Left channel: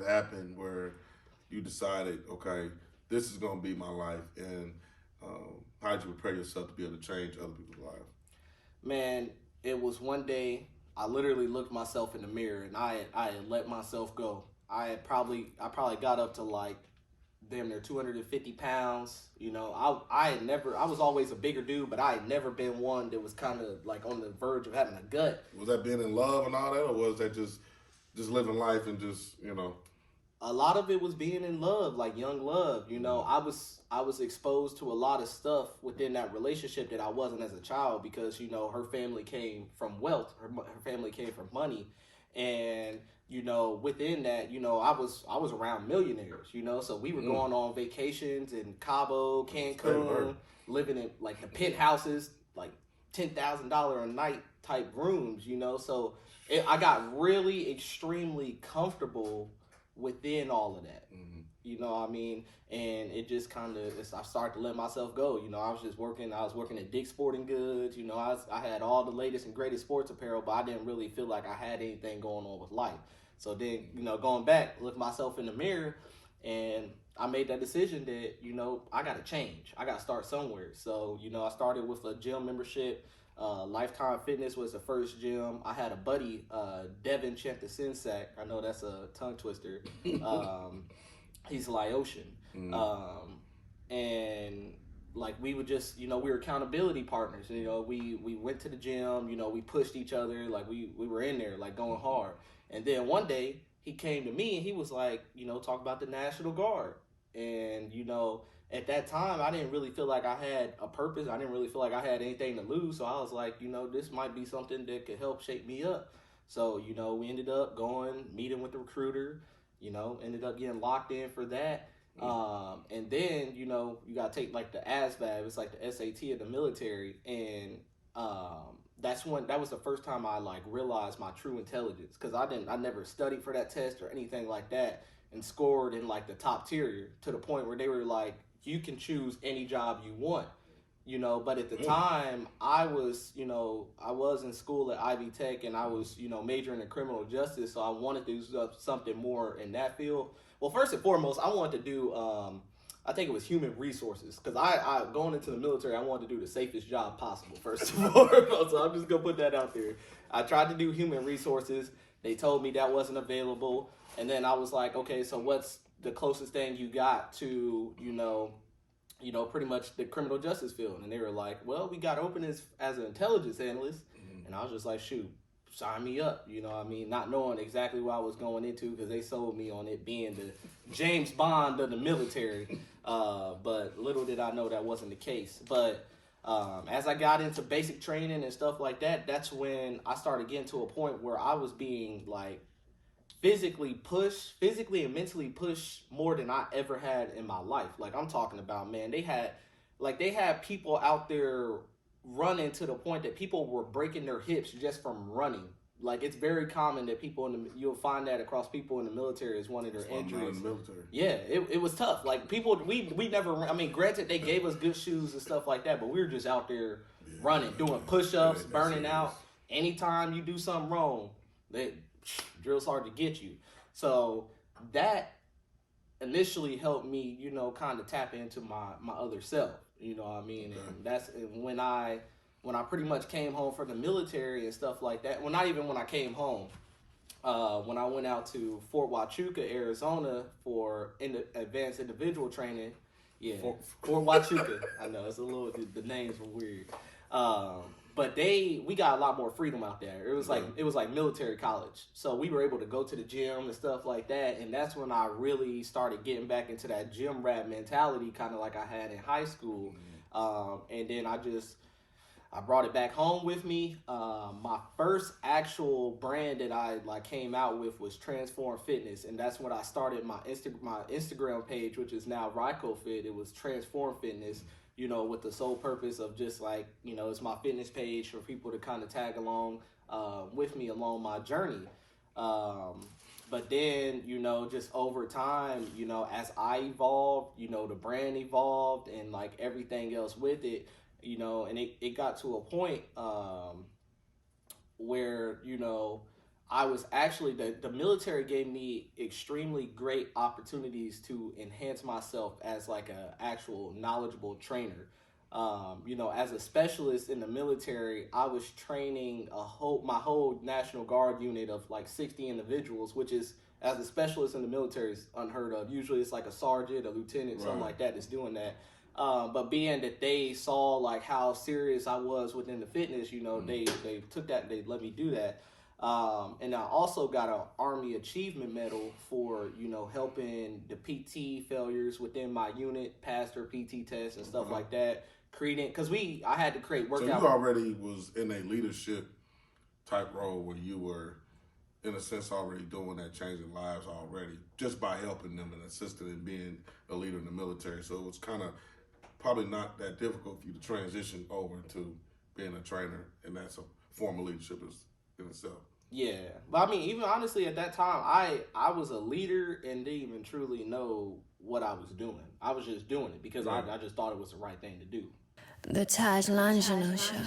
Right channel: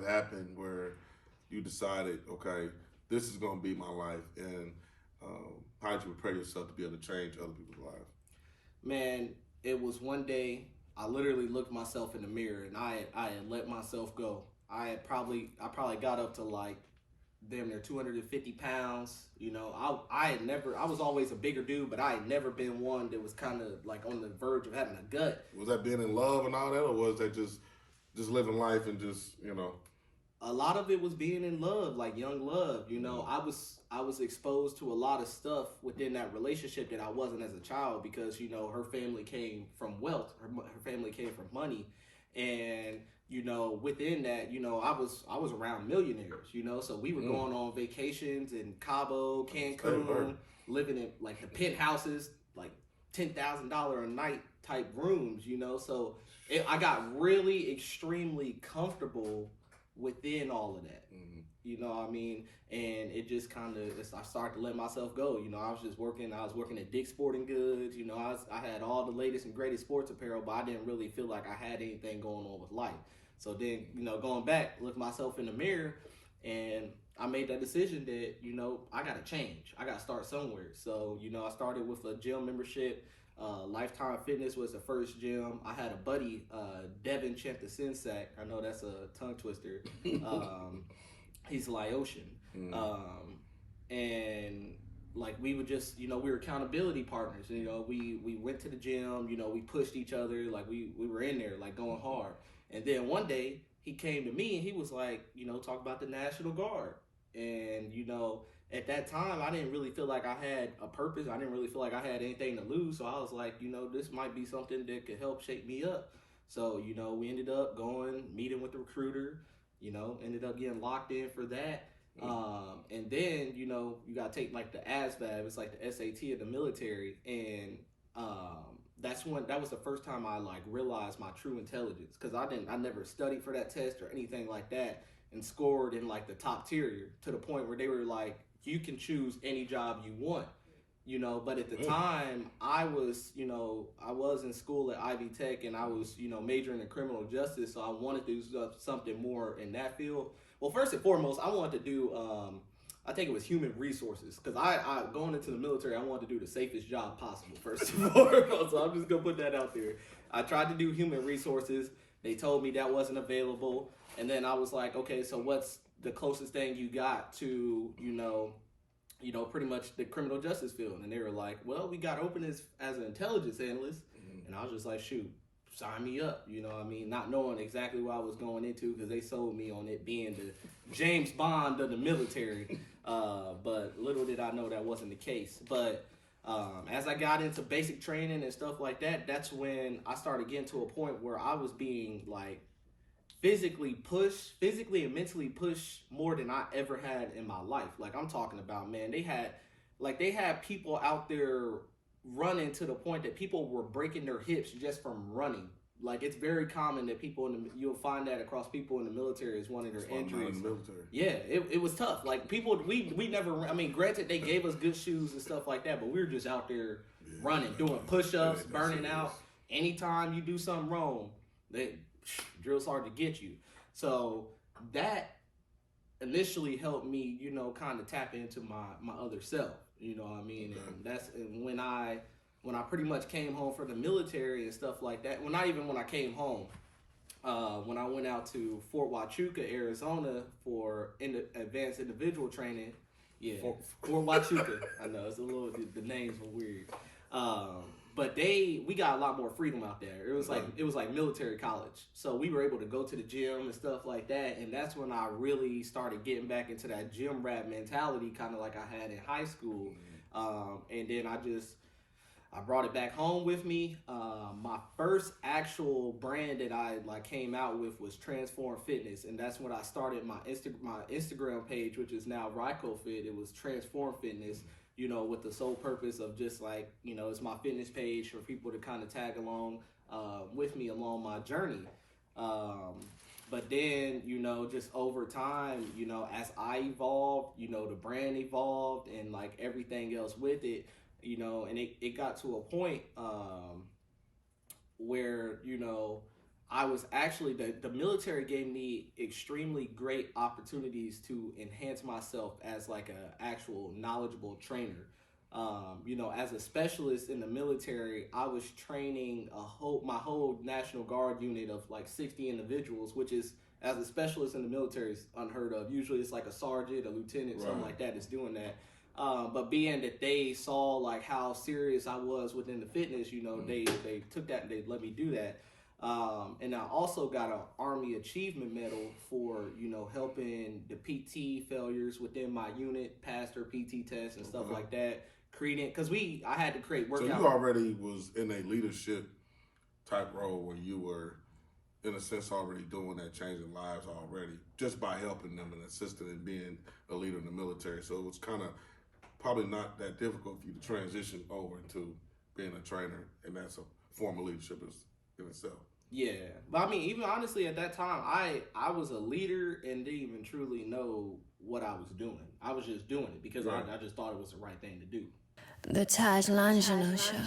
had happened where you decided, okay, this is going to be my life, and how did you prepare yourself to be able to change other people's lives? Man, it was one day I literally looked myself in the mirror and I had let myself go. I probably got up to like damn near 250 pounds. I was always a bigger dude, but I had never been one that was kind of like on the verge of having a gut. Was that being in love and all that, or was that just living life and just? A lot of it was being in love, like young love. I was exposed to a lot of stuff within that relationship that I wasn't as a child because her family came from wealth, her family came from money, and within that, I was around millionaires, so we were going on vacations in Cabo, Cancun, living in like the penthouses, like $10,000 a night type rooms, so I got really extremely comfortable within all of that. You know what I mean? And it just kind of, I started to let myself go. I was working at Dick's Sporting Goods. I had all the latest and greatest sports apparel, but I didn't really feel like I had anything going on with life. So then, going back, look myself in the mirror, and I made that decision that, I got to change. I got to start somewhere. So, I started with a gym membership. Lifetime Fitness was the first gym. I had a buddy, Devin Champtasinsak. I know that's a tongue twister. He's Laotian. And like we would just, we were accountability partners. We went to the gym, we pushed each other, like we were in there, like going hard. And then one day he came to me and he was like, talk about the National Guard. And, at that time, I didn't really feel like I had a purpose. I didn't really feel like I had anything to lose. So I was like, this might be something that could help shape me up. So, we ended up going, meeting with the recruiter, ended up getting locked in for that. And then, you got to take like the ASVAB, it's like the SAT of the military. And that was the first time I like realized my true intelligence. Cause I never studied for that test or anything like that and scored in like the top tier to the point where they were like, you can choose any job you want, but at the time I was in school at Ivy Tech and I was, majoring in criminal justice. So I wanted to do something more in that field. Well, first and foremost, I wanted to do, I think it was human resources. Cause I going into the military, I wanted to do the safest job possible first and foremost. So I'm just gonna put that out there. I tried to do human resources. They told me that wasn't available. And then I was like, okay, so what's the closest thing you got to, pretty much the criminal justice field? And they were like, well, we got open as an intelligence analyst. And I was just like, shoot, sign me up. Not knowing exactly what I was going into because they sold me on it being the James Bond of the military. But little did I know that wasn't the case. But as I got into basic training and stuff like that, that's when I started getting to a point where I was being like, physically and mentally pushed more than I ever had in my life. Like I'm talking about, man, they had people out there running to the point that people were breaking their hips just from running. Like it's very common that you'll find that across people in the military as one of their injuries. In the military. Yeah, it was tough. Like people, we never. I mean, granted, they gave us good shoes and stuff like that, but we were just out there running, doing push-ups, burning out. Anytime you do something wrong, drill's hard to get you. So that initially helped me, kind of tap into my other self. You know what I mean? Okay. And that's when I pretty much came home from the military and stuff like that. Well, not even when I came home. When I went out to Fort Huachuca, Arizona for advanced individual training. Yeah, Fort Huachuca. I know it's a little, the names were weird. But we got a lot more freedom out there. It was like military college. So we were able to go to the gym and stuff like that. And that's when I really started getting back into that gym rat mentality, kind of like I had in high school. And then I brought it back home with me. My first actual brand that I came out with was Transform Fitness. And that's when I started my Instagram page, which is now RycoFit. It was Transform Fitness. With the sole purpose of just it's my fitness page for people to kind of tag along with me along my journey. But then, just over time, as I evolved, the brand evolved and everything else with it, and it got to a point where, I was actually the military gave me extremely great opportunities to enhance myself as like a actual knowledgeable trainer. You know, as a specialist in the military, I was training my whole National Guard unit of like 60 individuals, which is, as a specialist in the military, is unheard of. Usually it's like a sergeant, a lieutenant, something like that that's doing that. But being that they saw like how serious I was within the fitness, you know, they took that and they let me do that. And I also got an Army Achievement Medal for, you know, helping the PT failures within my unit pass their PT tests and stuff like that. Creating, because I had to create workout. So you already was in a leadership type role where you were, in a sense, already doing that, changing lives already, just by helping them and assisting and being a leader in the military. So it was kind of probably not that difficult for you to transition over to being a trainer, and that's a form of leadership in itself. Yeah, but I mean, even honestly, at that time, I was a leader and didn't even truly know what I was doing. I was just doing it because I just thought it was the right thing to do. The TajLongino Show.